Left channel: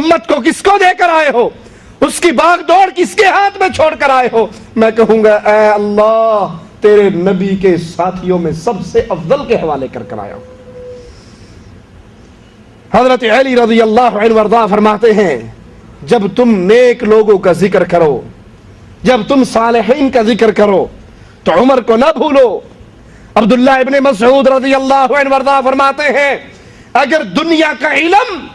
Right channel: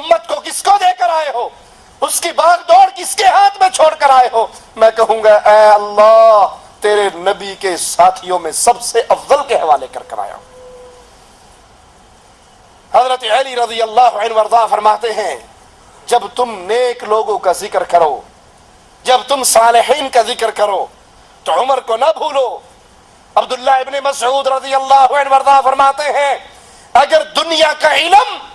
امت کو کس کو دے کر آئے ہو؟ اس کی بھاگ دوڑ کس کے ہاتھ میں چھوڑ کر آئے ہو؟ میں کہوں گا اے اللہ تیرے نبی کے ساتھیوں میں سب سے افضل کے حوالے کر آیا ہو۔ حضرت علی رضی اللہ عنہ وارضاہ فرماتے ہیں جب تم نیک لوگوں کا ذکر کرو، جب تم صالحین کا ذکر کرو تو عمر کو نہ بھولو۔ عبداللہ ابن مسعود رضی اللہ عنہ وارضاہ فرماتے ہیں اگر دنیا کا علم،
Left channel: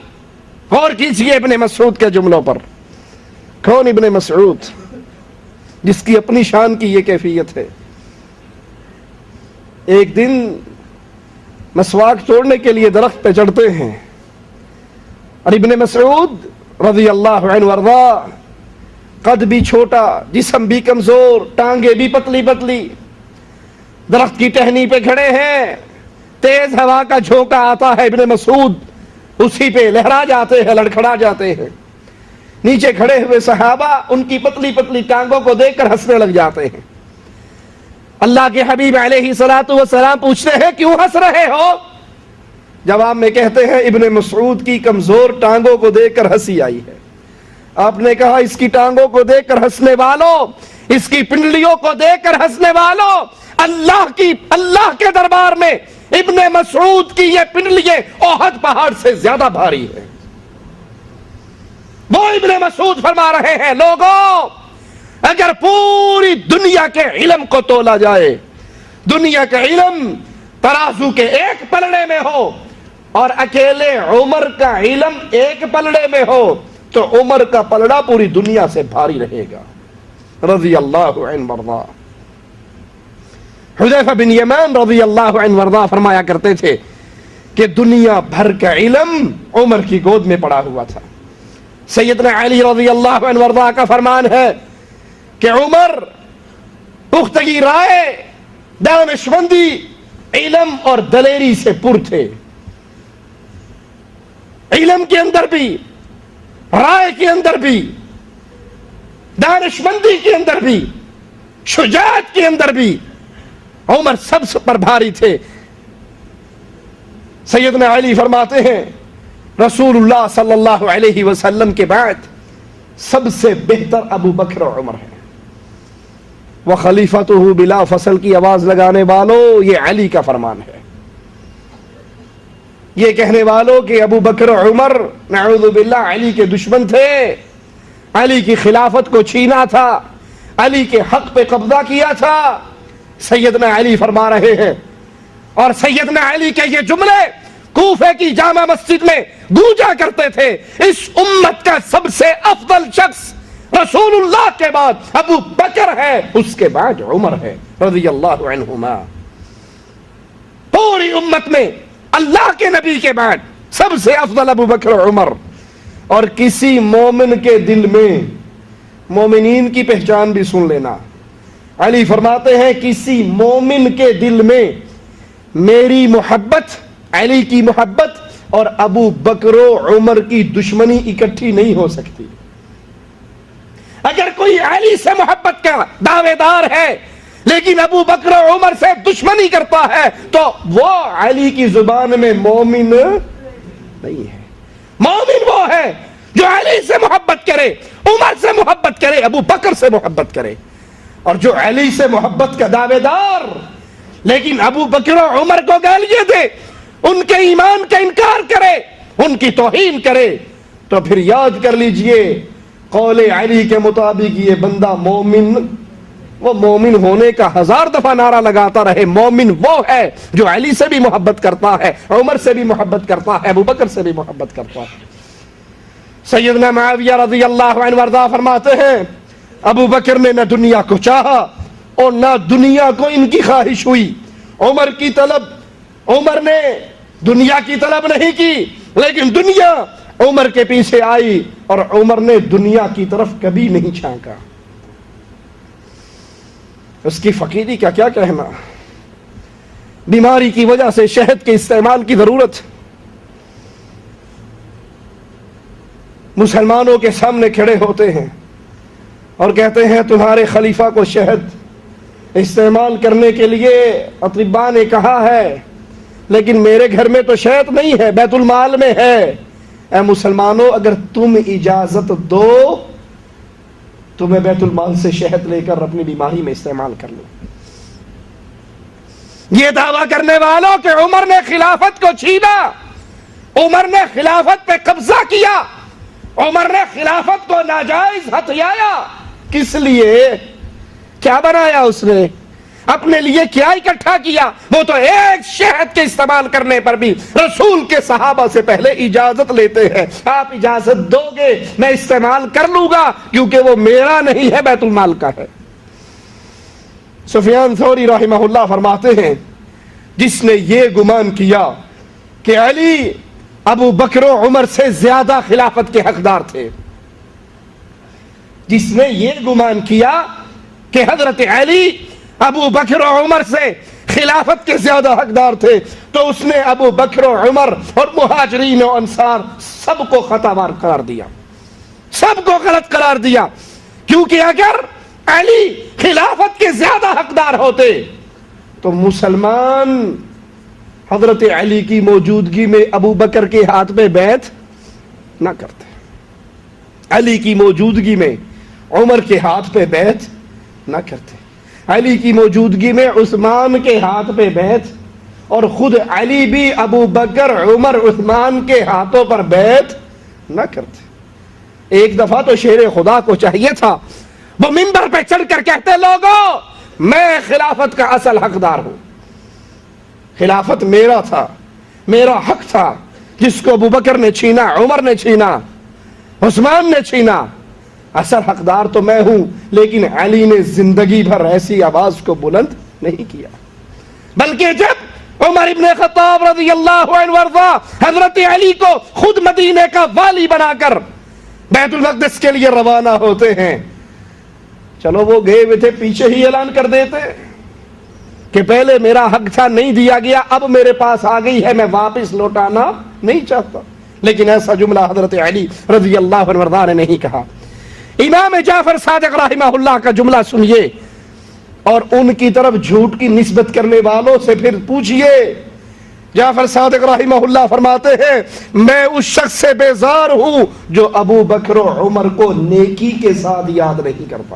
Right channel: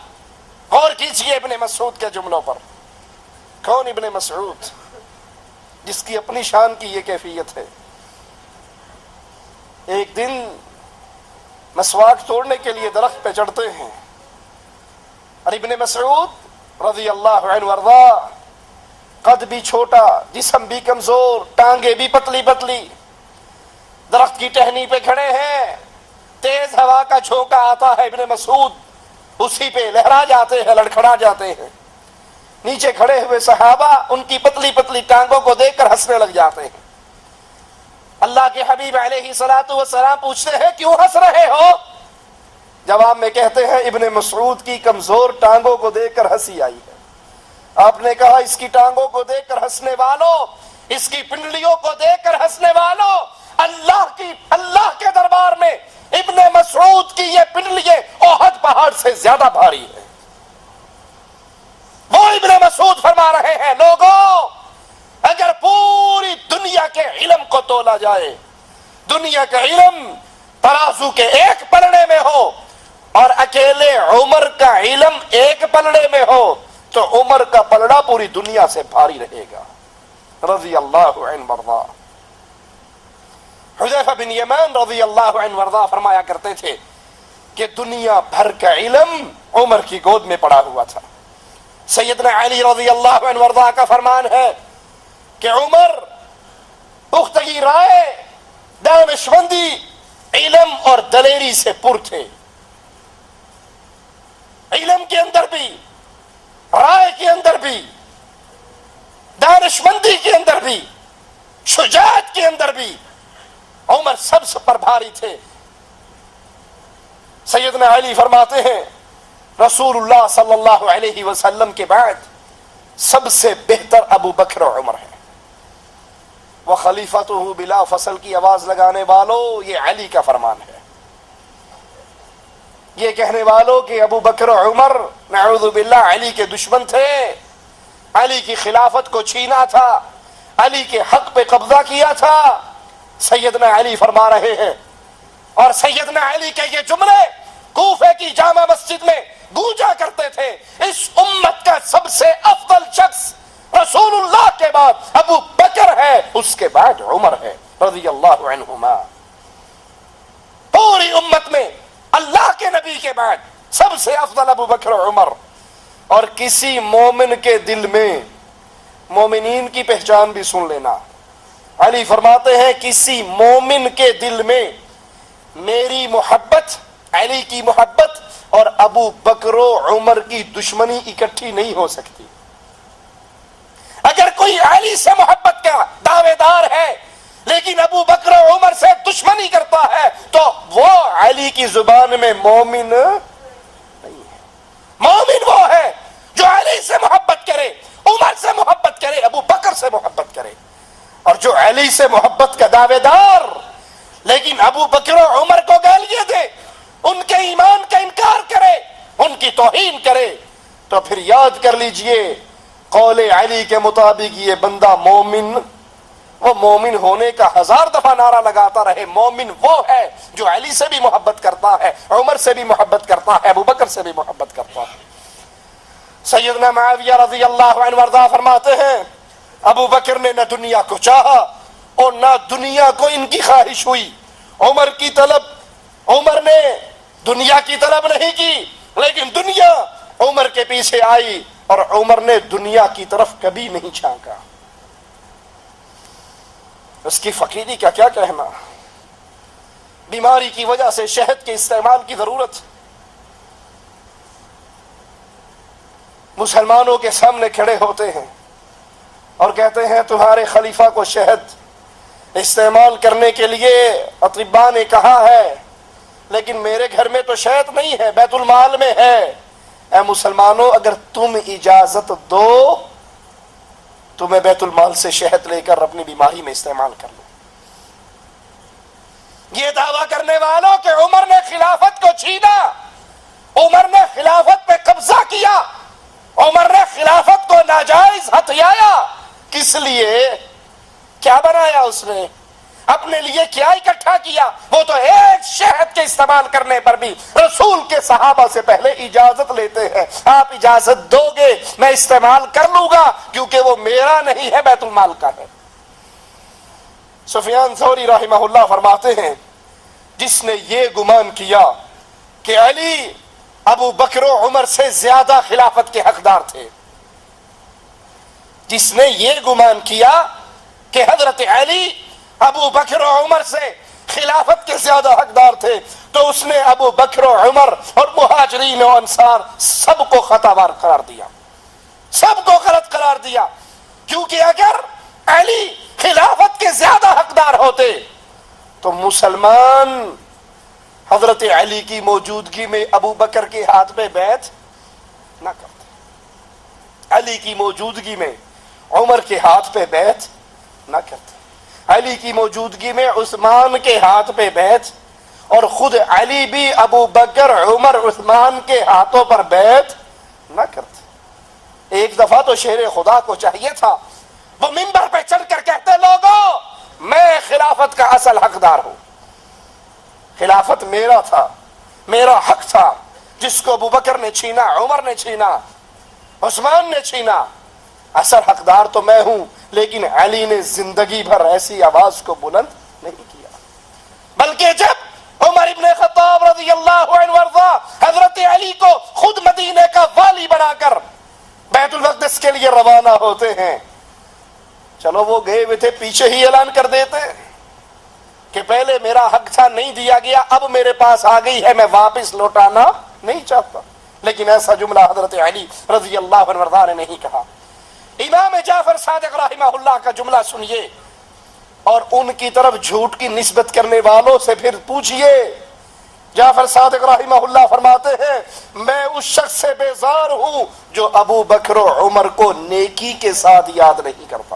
غور کیجئے ابن مسعود کے جملوں پر، کون ابن مسعود جس کی اپنی شان کی یہ کیفیت ہے؟ ایک دن مسواک توڑنے کے لیے درخت پہ چڑھتے ہیں اور ابن مسعود رضی اللہ عنہ وارضاہ قد بھی چھوٹا، جسم بھی کمزور، ٹانگیں بھی پتلی پتلی، درخت کی ٹہنی پہ کھڑے ہیں، تیز ہوا کا جھونکا آتا ہے، ابن مسعود اسی پہ لہرا جاتے ہیں، لڑکھڑا جاتے ہیں۔ نیچے کھڑے ہوئے صحابہ ان کی پتلی پتلی ٹانگوں کو دیکھ کر ہنسنے لگ جاتے ہیں۔ اللہ کے حبیب علیہ الصلوۃ والسلام پوچھتے ہیں کیوں ہنس رہے ہو؟ جواب میں کہتے ہیں ابن مسعود کی کمزور ٹانگوں کو دیکھ کر ہنسی آئی ہے۔ آپ نے کہا اس کی ٹانگوں کو دیکھ کر ہنسنے والوں، اس کی پنڈلیوں کو دیکھ کر ہنسنے والوں، اللہ کے دربار میں ابن مسعود کی یہ پنڈلیاں احد پہاڑ سے زیادہ بھاری ہے۔ وہ ابن مسعود فرما رہے ہیں لوگوں اگر پوری دنیا کے علم کو تولا جائے، دنیا کا علم ترازو کے ایک پلڑے میں ہو اور اکیلے عمر کا علم ایک پلڑے میں ہو تو عمر کا پلڑا پوری دنیا سے بھاری رہے گا رضی اللہ عنہ وارضاہ۔ حذیفہ بن یمان رضی اللہ عنہ وارضاہ فرمایا کرتے تھے کہ دنیا بھر کا علم عمر کی گود میں پڑا ہوا تھا۔ سیدنا علی رضی اللہ عنہ وارضاہ کا فرمان ہے کہ عمر پختگی رائے، دانشمندی، علم اور دلیری سے پر تھے۔ علم کے اندر بھی، رائے کے اندر بھی، دانشمندی کے اندر بھی، شجاعت کے اندر بھی عمر سب سے پر بھاری تھے۔ سیدنا علی فرماتے ہیں رسول اللہ صلی اللہ علیہ وسلم کے بعد سب سے بہتر ابو بکر و عمر ہے۔ وخلیفته بلا فصل کی آواز لگانے والوں یہ علی کا فرمان ہے۔ یہ کہنے والوں کہ ابو بکر و عمر نعوذ باللہ علی کے دشمن تھے، علی کی خلافت کو چھینا تھا، علی کے حق پہ قبضہ کیا تھا، سیدنا علی فرما رہے ہیں۔ اور سیدنا علی کے یہ جملے کوفہ کی جامع مسجد میں گونجا کرتے تھے، اس امت کا سب سے افضل شخص رسول اللہ کے بعد ابو بکر ہے، اس کے بعد عمر ہے رضی اللہ عنہما۔ پوری امت میں اللہ کے نبی کے بعد سب سے افضل ابو بکر و عمر۔ اور کسی مومن کے دل میں، مومنین کی پہچان بھی سن لینا، علی فرماتے ہیں کسی مومن کے دل میں میری محبت، علی کی محبت اور ابو بکر و عمر کی دشمنی اکٹھی نہیں ہو سکتی۔ اگر کوئی علی سے محبت کا دعوے دار ہے لیکن ابو بکر و عمر سے دشمنی کرتا ہے تو وہ علی کی زبان میں مومن نہیں ہے۔ مومن وہ ہے جو علی سے محبت کرے، عمر سے محبت کرے، ابو بکر سے محبت کرے۔ اور جو علی سے محبت کا دعوے دار لیکن ابو بکر و عمر کو گالیاں دے، ان کے ایمان کا انکار کرے، ان کی توہین کرے، تو پھر یاد کر لیجئے قول علی کے مطابق یہ بندہ مومن، وہ مومن ہونے کا 1000 دفعہ نعرہ لگاتا رہے، مومن وہ ہے جو علی سے بھی محبت کرتا ہے، عمر سے بھی محبت کرتا ہے، ابو بکر سے بھی محبت کرتا ہے۔ سیدنا معاویہ رضی اللہ عنہ وارضاہ فرماتے ہیں ابو بکر نے نہ دنیا کو چاہا اور نہ دنیا کو ان کی خواہش ہوئی۔ عمر نے دنیا کی طلب نہیں کی لیکن دنیا عمر کے پیچھے آئی اور عمر نے دنیا کی طرف کبھی نہیں جھانکا۔ اس کی فقیری کا کیا کہنا، بیماری کی وجہ سے شہد کے استعمال کی ضرورت، مسلمانوں کے سامنے کھڑے ہوتے ہیں اور کہتے ہیں تمہارے خلیفہ کو شہد استعمال کرنے کے لیے اطباء نے کہا ہے لیکن میرے گھر میں تو شہد نہیں ہے، بیت المال میں ہے، اے مسلمانوں اگر تم اجازت دو تو میں بیت المال سے شہد لے کر اپنی بیماری میں استعمال کر لوں۔ یہ دعویٰ کرنے والوں کہ عمر نے خلافت کو چھینا، عمر نے خلافت پہ قبضہ کیا، عمر نے خلافت کو ناجائز ہتھیایا، کس لیے؟ کیا بنایا اس نے؟ اپنے لیے کیا اکٹھا کیا؟ وہ تو ایک شہد کے استعمال کرنے پر بھی رسول کے صحابہ سے پہلے اجازت لیتے ہیں۔ آپ اجازت دو گے میں استعمال کر لوں گا، کیونکہ وہ میرا نہیں ہے، بیت المال کا ہے۔ سفیان ثوری رحمہ اللہ فرماتے ہیں جس نے یہ گمان کیا کہ علی ابو بکر و عمر سے زیادہ خلافت کے حقدار تھے، جس نے یہ گمان کیا کہ حضرت علی ابو بکر و عمر سے خلافت کے زیادہ حقدار تھے، تو اس نے ابو بکر و عمر اور مہاجرین و انصار سب کو خطا وار قرار دیا، سب کو غلط قرار دیا، کیونکہ اگر علی خلافت کے زیادہ حقدار ہوتے تو مسلمان حضرت علی کی موجودگی میں ابو بکر کے ہاتھ پہ بیعت نہ کرتے، علی کی موجودگی میں عمر کے ہاتھ پہ بیعت نہ کرتے، علی کی موجودگی میں عثمان کے ہاتھ پہ بیعت، اور خود علی بھی ابو بکر عمر عثمان کے ہاتھوں پر بیعت نہ کرتے۔ ایک دفعہ تو شیر خدا کو چاہیے تھا وہ منبر پہ چڑھ کر کہتے لوگوں میں خلافت کا اصل حقدار ہوں، خلافت میرا تھا، میرا حق تھا، جس کو ابو بکر نے چھینا، عمر نے چھینا، عثمان نے چھینا، اصل حقدار تو میں ہوں۔ لیکن علی نے زندگی بھر ایسی آواز کو بلند نہیں کیا، بلکہ جب عمر ابن خطاب رضی اللہ عنہ وارضا حضرت علی کو خود مدینے کا والی بنا کر بیت المقدس کے لیے روانہ ہوتے ہیں، چلو وہ گئے ہوئے تھے، پیچھے ہی اعلان کر دیتے کہ پہلے میرا حق تھا نہیں دیا گیا، اب میرے پاس آ گئی ہے، میں واپس لوٹانا نہیں چاہتا۔ لیکن ایسا جملہ حضرت علی رضی اللہ عنہ وارضا نے نہیں کہا۔ امام جعفر صادق رحمہ اللہ کا جملہ سنیے اور ان کی طرف جھوٹ کی نسبت کرنے والوں سے پھر پوچھئے۔ جعفر صادق رحمہ اللہ فرماتے ہیں میں اس شخص سے بیزار ہوں جو ابو بکر و عمر کو نیکی کے ساتھ یاد نہیں کرتا۔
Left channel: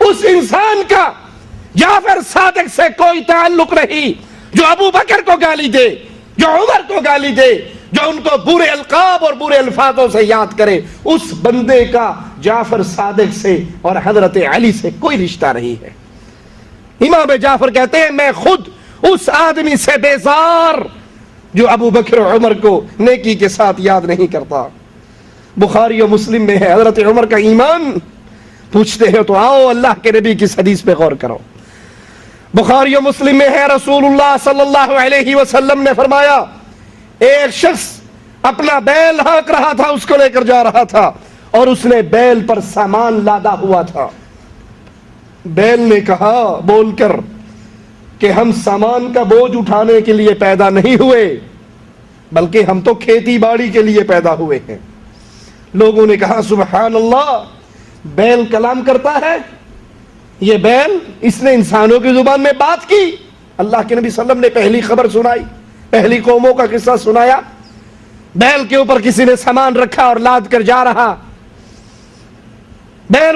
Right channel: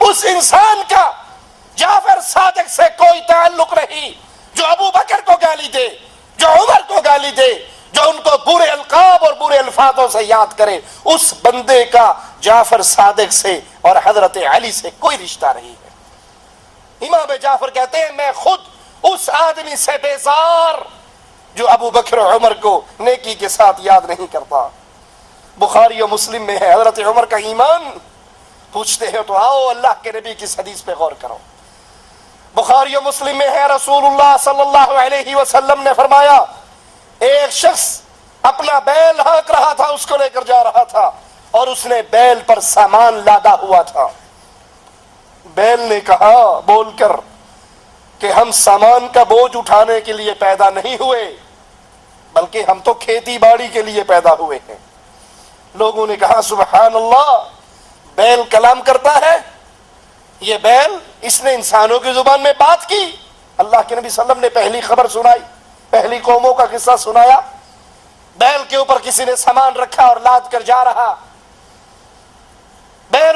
اس انسان کا جعفر صادق سے کوئی تعلق نہیں جو ابو بکر کو گالی دے، جو عمر کو گالی دے، جو ان کو برے القاب اور برے الفاظوں سے یاد کرے، اس بندے کا جعفر صادق سے اور حضرت علی سے کوئی رشتہ نہیں ہے۔ امام جعفر کہتے ہیں میں خود اس آدمی سے بیزار جو ابو بکر و عمر کو نیکی کے ساتھ یاد نہیں کرتا۔ بخاری و مسلم میں ہے حضرت عمر کا ایمان، پوچھتے ہیں تو آؤ اللہ کے نبی کی حدیث پہ غور کرو۔ بخاری و مسلم میں ہے رسول اللہ صلی اللہ علیہ وسلم نے فرمایا ایک شخص اپنا بیل ہانک رہا تھا، اس کو لے کر جا رہا تھا اور اس نے بیل پر سامان لادا ہوا تھا۔ بیل نے کہا بول کر کہ ہم سامان کا بوجھ اٹھانے کے لیے پیدا نہیں ہوئے بلکہ ہم تو کھیتی باڑی کے لیے پیدا ہوئے ہیں۔ لوگوں نے کہا سبحان اللہ، بیل کلام کرتا ہے، یہ بیل اس نے انسانوں کی زبان میں بات کی۔ اللہ کے نبی صلی اللہ علیہ وسلم نے پہلی خبر سنائی، پہلی قوموں کا قصہ سنایا، بیل کے اوپر کسی نے سامان رکھا اور لاد کر جا رہا، بیل